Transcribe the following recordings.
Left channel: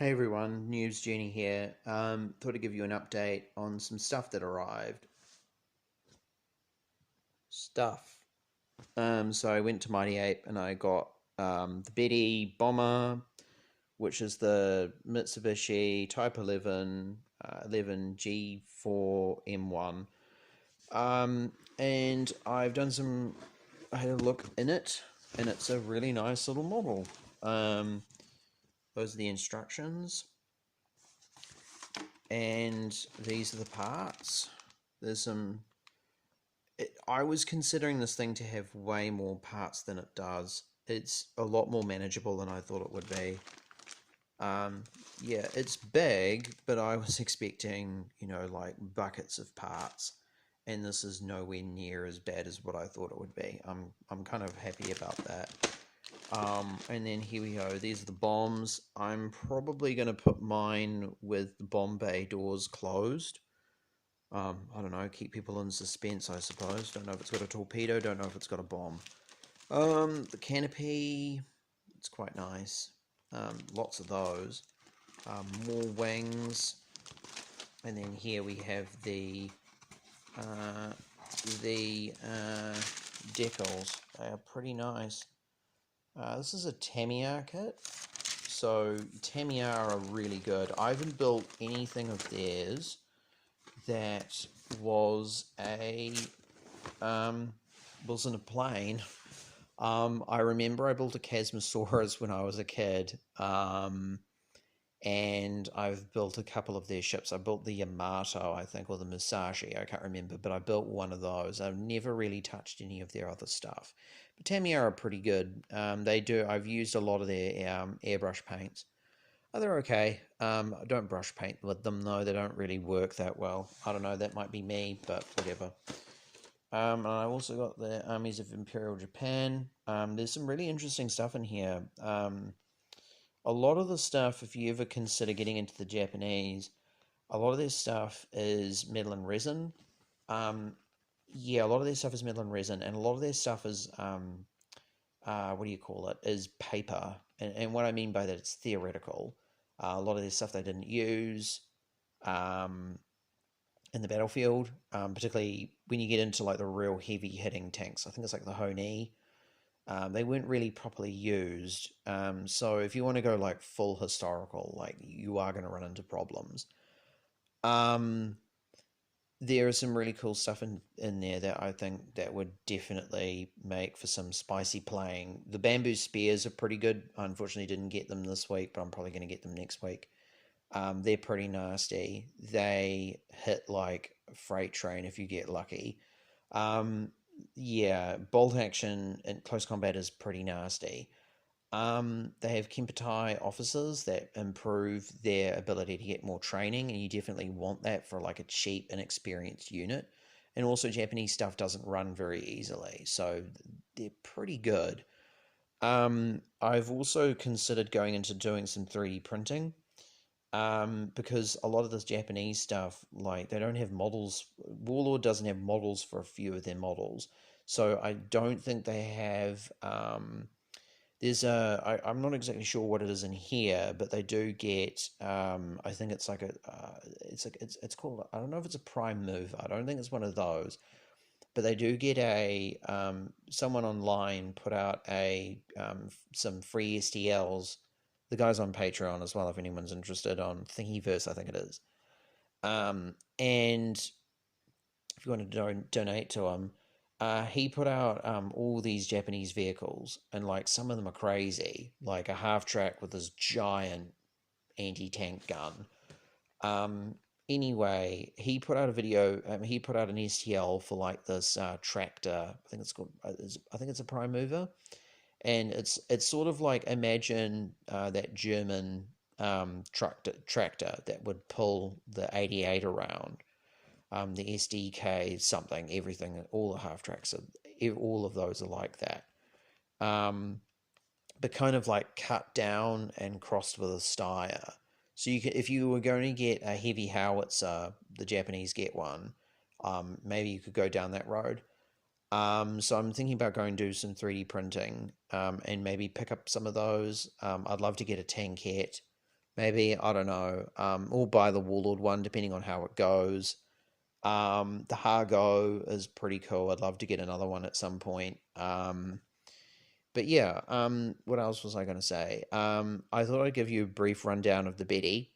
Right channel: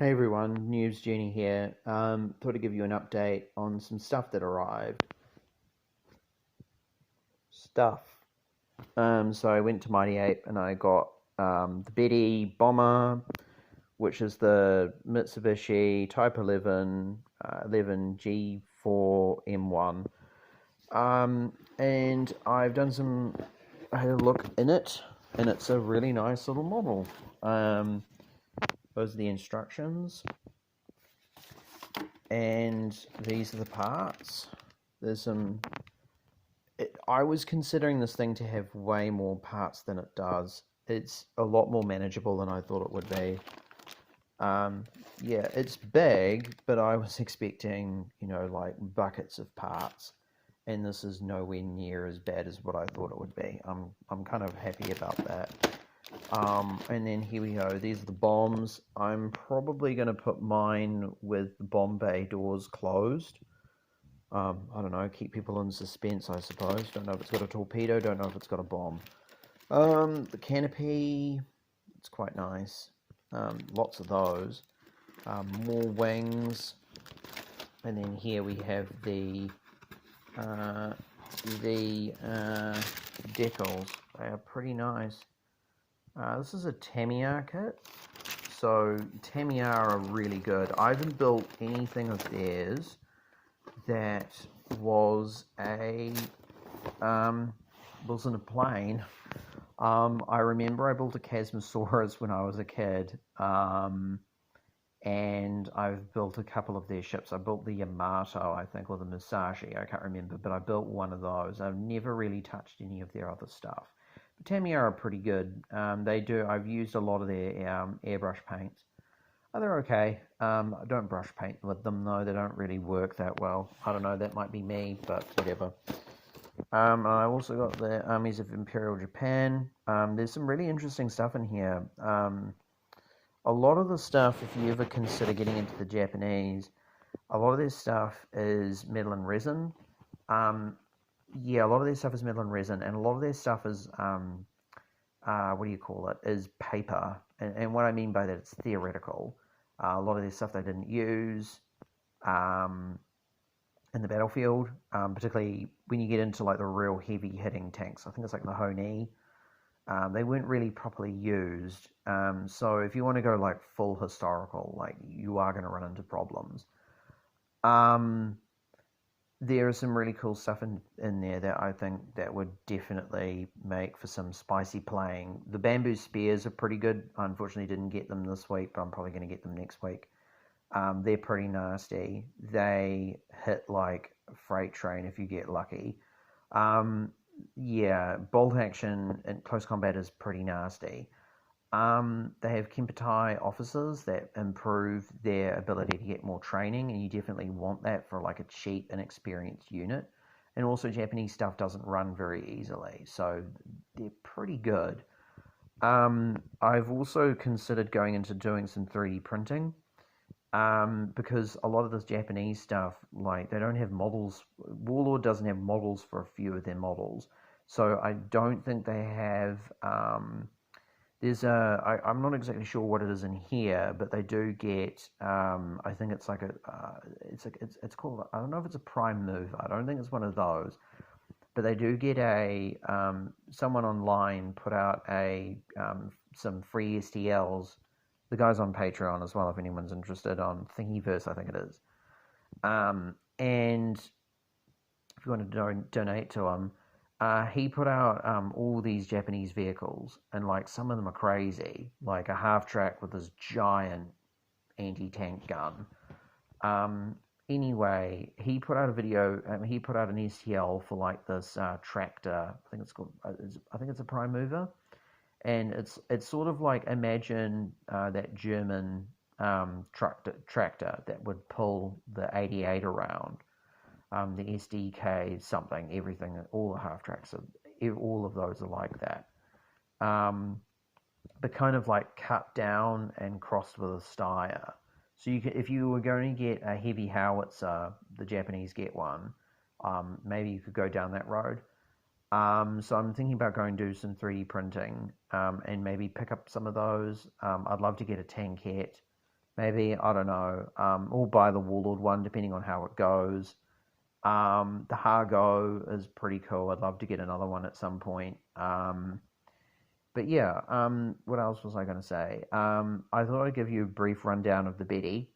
Hey everyone, News Genie here. Thought I'd give you an update on some stuff that arrived. Stuff. So I went to Mighty Ape and I got the Betty Bomber, which is the Mitsubishi Type 11 G4M1. And I had a look in it, and it's a really nice little model. Those are the instructions. And these are the parts. There's some. I was considering this thing to have way more parts than it does. It's a lot more manageable than I thought it would be. Yeah, it's big, but I was expecting, like buckets of parts, and this is nowhere near as bad as what I thought it would be. I'm kind of happy about that. And then here we go. These are the bombs. I'm probably going to put mine with the bomb bay doors closed. I don't know, keep people in suspense, I suppose. Don't know if it's got a torpedo, don't know if it's got a bomb. The canopy, it's quite nice. Lots of those. More wings. And then here we have the decals. They are pretty nice. This is a tamiya kit. So tamiya are really good. I haven't built anything of theirs that wasn't a plane. I remember I built a Chasmosaurus when I was a kid, and I've built a couple of their ships. I built the Yamato, I think, or the Musashi, I can't remember, but I built one of those. I've never really touched any of their other stuff. But Tamiya are pretty good. I've used a lot of their airbrush paints. Oh, they're okay. I don't brush paint with them though. They don't really work that well. I don't know. That might be me, but whatever. And I also got the Armies of Imperial Japan. There's some really interesting stuff in here. A lot of the stuff, if you ever consider getting into the Japanese, a lot of their stuff is metal and resin. Yeah, a lot of their stuff is metal and resin, and a lot of their stuff is what do you call it? Is paper. And what I mean by that, it's theoretical. A lot of their stuff they didn't use in the battlefield, particularly when you get into like the real heavy hitting tanks. I think it's like the Honi. They weren't really properly used. So if you want to go like full historical, like you are going to run into problems. There is some really cool stuff in there that I think that would definitely make for some spicy playing. The bamboo spears are pretty good. I unfortunately didn't get them this week, but I'm probably going to get them next week. They're pretty nasty. They hit like a freight train if you get lucky. Yeah, bolt action and close combat is pretty nasty. They have Kempetai officers that improve their ability to get more training, and you definitely want that for like a cheap, inexperienced unit. And also, Japanese stuff doesn't run very easily, so they're pretty good. I've also considered going into doing some 3D printing, because a lot of this Japanese stuff, like they don't have models. Warlord doesn't have models for a few of their models, so I don't think they have. I'm not exactly sure what it is in here, but they do get. I think it's like it's called. I don't know if it's a prime mover. I don't think it's one of those, but they do get a. Someone online put out some free STLs. The guy's on Patreon as well, if anyone's interested, on Thingiverse, I think it is. And if you want to donate to him, he put out all these Japanese vehicles, and like some of them are crazy, like a half track with this giant anti-tank gun. Anyway, he put out a video. He put out an STL for like this tractor. I think it's called. I think it's a prime mover, and it's sort of like, imagine that German tractor that would pull the 88 around, the SDK something, everything, all the half tracks, all of those are like that. But kind of like cut down and crossed with a Steyr. So if you were going to get a heavy howitzer, the Japanese get one. Maybe you could go down that road. So I'm thinking about going to do some 3D printing, and maybe pick up some of those. I'd love to get a tankette, maybe, I don't know, or buy the Warlord one, depending on how it goes. The Hargo is pretty cool. I'd love to get another one at some point. But yeah, what else was I going to say? I thought I'd give you a brief rundown of the Betty.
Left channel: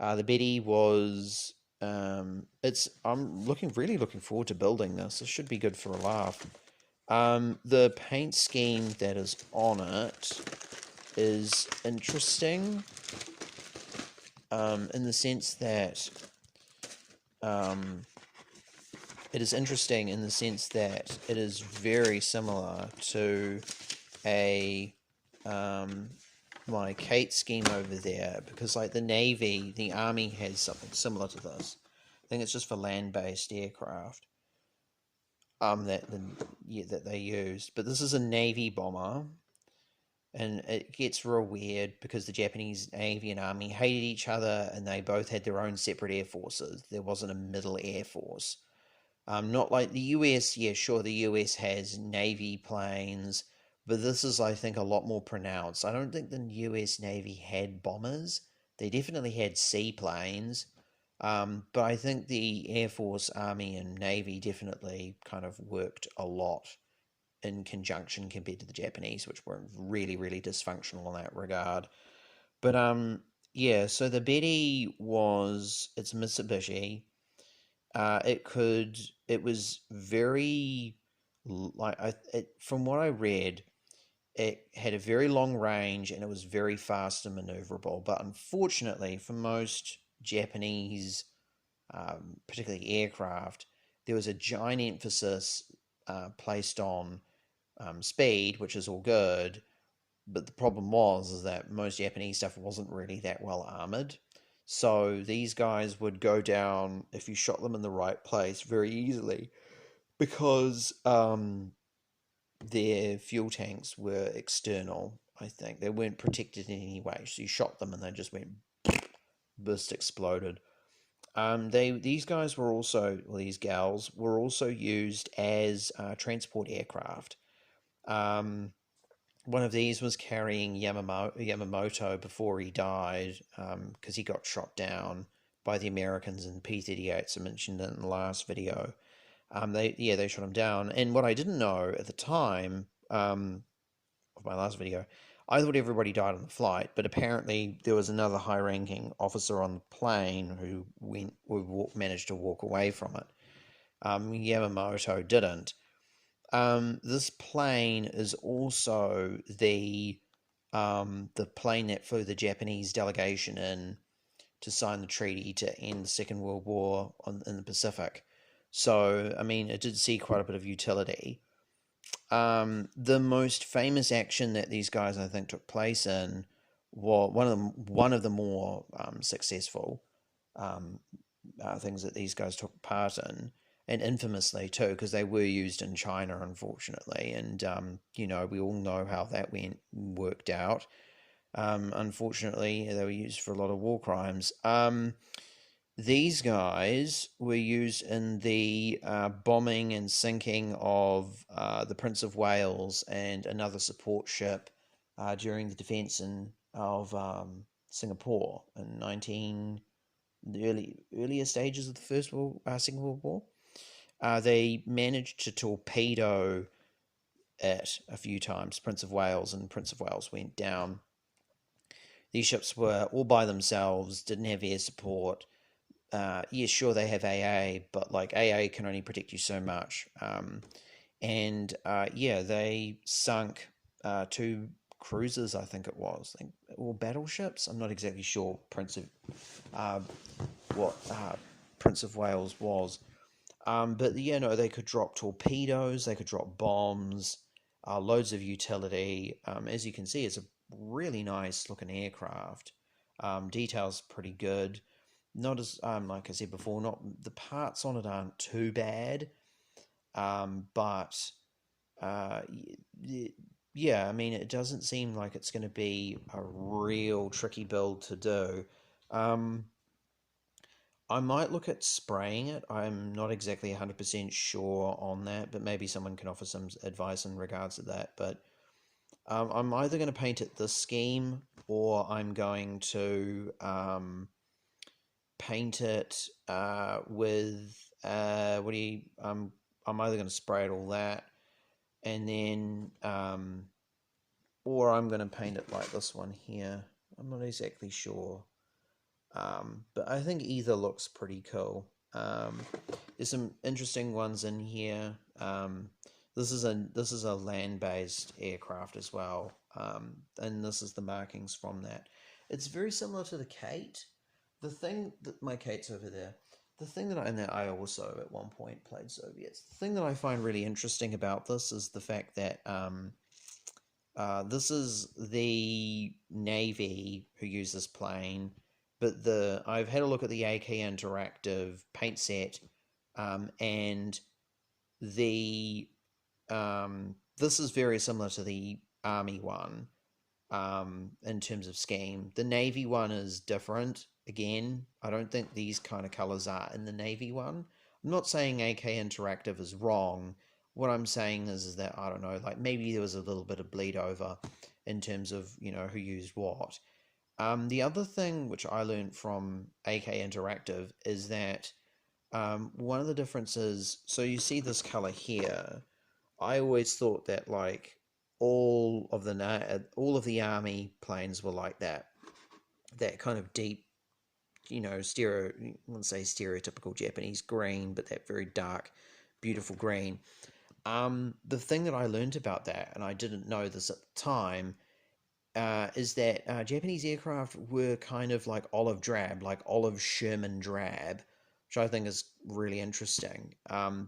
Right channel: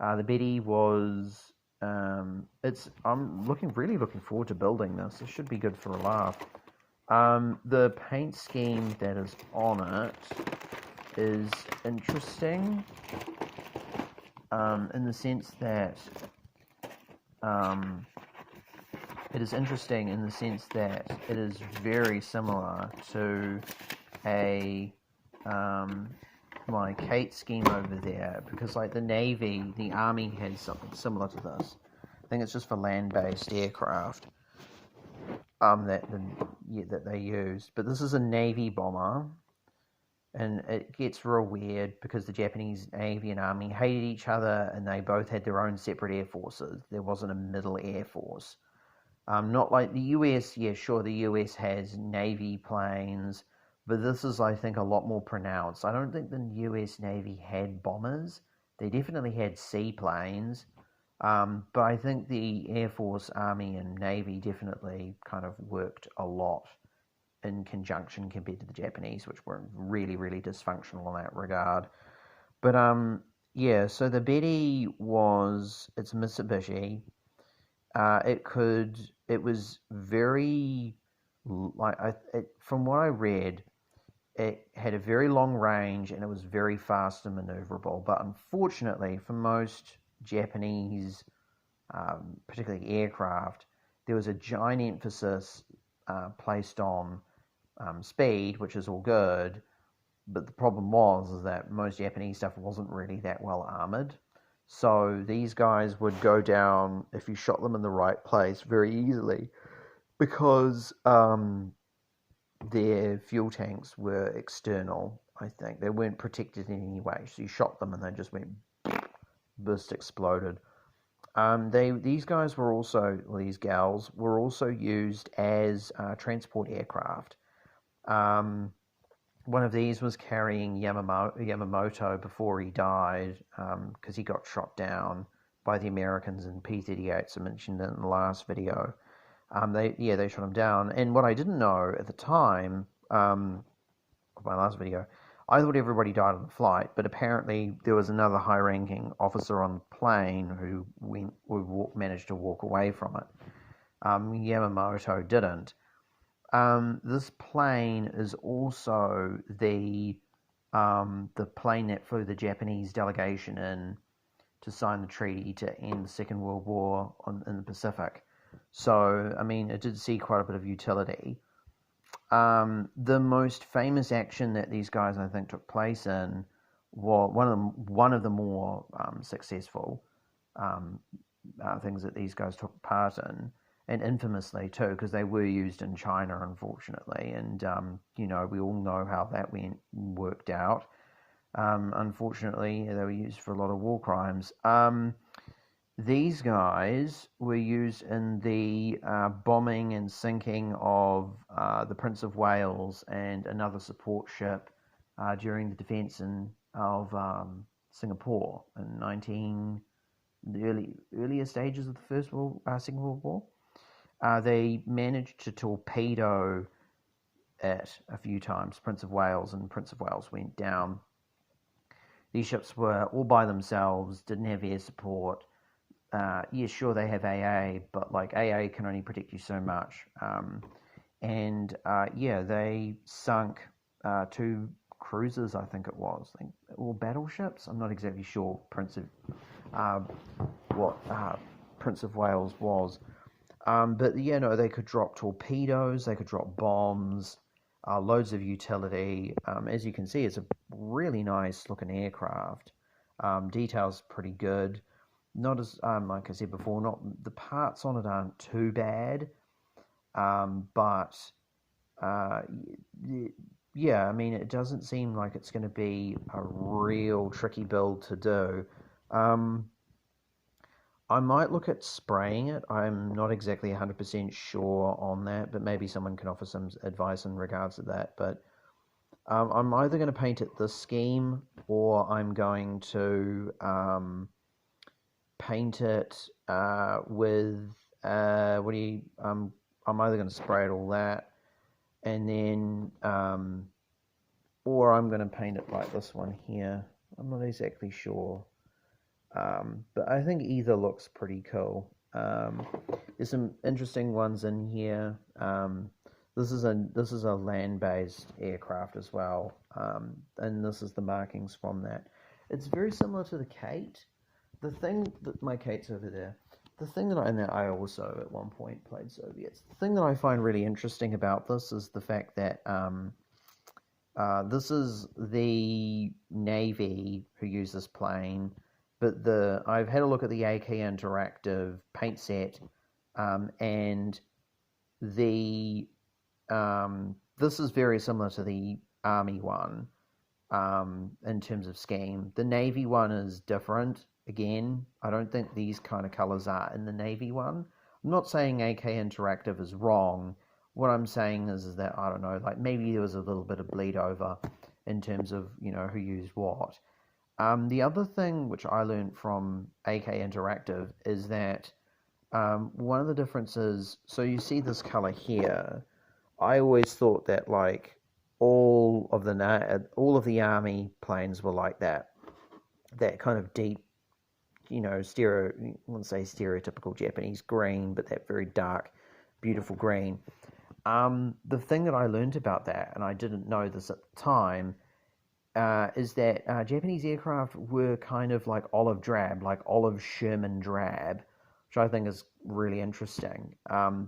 The Betty was, I'm really looking forward to building this. It should be good for a laugh. The paint scheme that is on it is interesting, in the sense that, it is very similar to a my Kate scheme over there, because like the army has something similar to this. I think it's just for land-based aircraft that they used. But this is a Navy bomber, and it gets real weird because the Japanese Navy and Army hated each other, and they both had their own separate air forces. There wasn't a middle air force. Not like the US. Yeah, sure, the US has Navy planes, but this is, I think, a lot more pronounced. I don't think the US Navy had bombers. They definitely had seaplanes, but I think the Air Force, Army, and Navy definitely kind of worked a lot in conjunction compared to the Japanese, which were really, really dysfunctional in that regard. But yeah, so the Betty it's Mitsubishi. It was very, from what I read, it had a very long range and it was very fast and maneuverable. But unfortunately, for most Japanese, particularly aircraft, there was a giant emphasis placed on speed, which is all good. But the problem is that most Japanese stuff wasn't really that well armored. So these guys would go down if you shot them in the right place very easily, because their fuel tanks were external. I think they weren't protected in any way. So you shot them and they just went burst, exploded. These guys were also, well, these gals were also used as transport aircraft. One of these was carrying Yamamoto before he died, because he got shot down by the Americans in P-38s. I mentioned it in the last video. They shot him down. And what I didn't know at the time, of my last video, I thought everybody died on the flight, but apparently there was another high-ranking officer on the plane who managed to walk away from it. Yamamoto didn't. This plane is also the plane that flew the Japanese delegation in to sign the treaty to end the Second World War in the Pacific. So, I mean, it did see quite a bit of utility. The most famous action that these guys, I think, took place in was one of the more successful things that these guys took part in, and infamously too, because they were used in China, unfortunately, and we all know how that worked out. Unfortunately, they were used for a lot of war crimes. These guys were used in the bombing and sinking of the Prince of Wales and another support ship during the defence of Singapore in the earlier stages of the Second World War. They managed to torpedo it a few times, Prince of Wales, and Prince of Wales went down. These ships were all by themselves, didn't have air support. Yeah, sure, they have AA, but like AA can only protect you so much. They sunk two cruisers, I think it was, or battleships. I'm not exactly sure. Prince of Wales was. But they could drop torpedoes, they could drop bombs, loads of utility. As you can see, it's a really nice looking aircraft. Details pretty good. Not as, like I said before, not the parts on it aren't too bad, but yeah, I mean, it doesn't seem like it's going to be a real tricky build to do. I might look at spraying it. I'm not exactly 100% sure on that, but maybe someone can offer some advice in regards to that. But I'm either going to paint it this scheme, or I'm going to paint it with what do you I'm either going to spray it all that, and then or I'm going to paint it like this one here. I'm not exactly sure, but I think either looks pretty cool. There's some interesting ones in here. This is a land-based aircraft as well, and this is the markings from that. It's very similar to the Kate. The thing that my Kate's over there. The thing that I also at one point played Soviets. The thing that I find really interesting about this is the fact that this is the Navy who use this plane, but I've had a look at the AK Interactive paint set, and the this is very similar to the Army one in terms of scheme. The Navy one is different. Again, I don't think these kind of colors are in the Navy one. I'm not saying AK Interactive is wrong. What I'm saying is that, I don't know, like maybe there was a little bit of bleed over in terms of, who used what. The other thing which I learned from AK Interactive is that one of the differences, so you see this color here, I always thought that like all of the Army planes were like that kind of deep, I wouldn't say stereotypical Japanese green, but that very dark, beautiful green. The thing that I learned about that, and I didn't know this at the time, is that Japanese aircraft were kind of like olive drab, like olive Sherman drab, which I think is really interesting.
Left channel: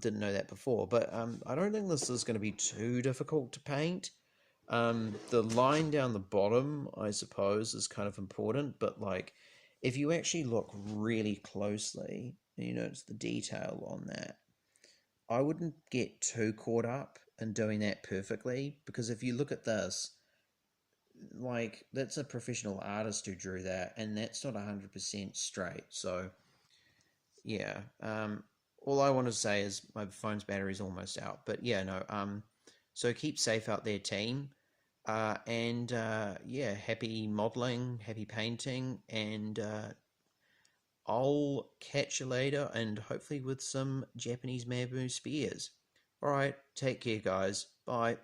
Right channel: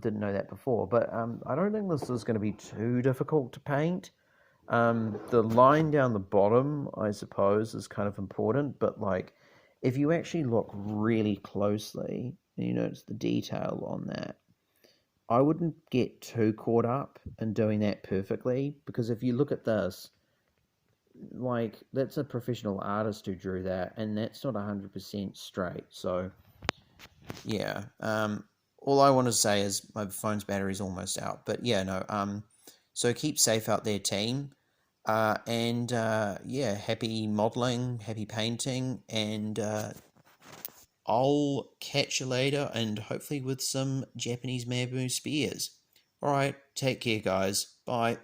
Didn't know that before, but I don't think this is going to be too difficult to paint. The line down the bottom, I suppose, is kind of important, but like if you actually look really closely, you notice the detail on that. I wouldn't get too caught up in doing that perfectly, because if you look at this, like that's a professional artist who drew that, and that's not 100% straight. So yeah, all I want to say is my phone's battery is almost out, but yeah, no, so keep safe out there, team. And yeah, happy modeling, happy painting, and I'll catch you later, and hopefully with some Japanese bamboo spears. Alright, take care guys, bye.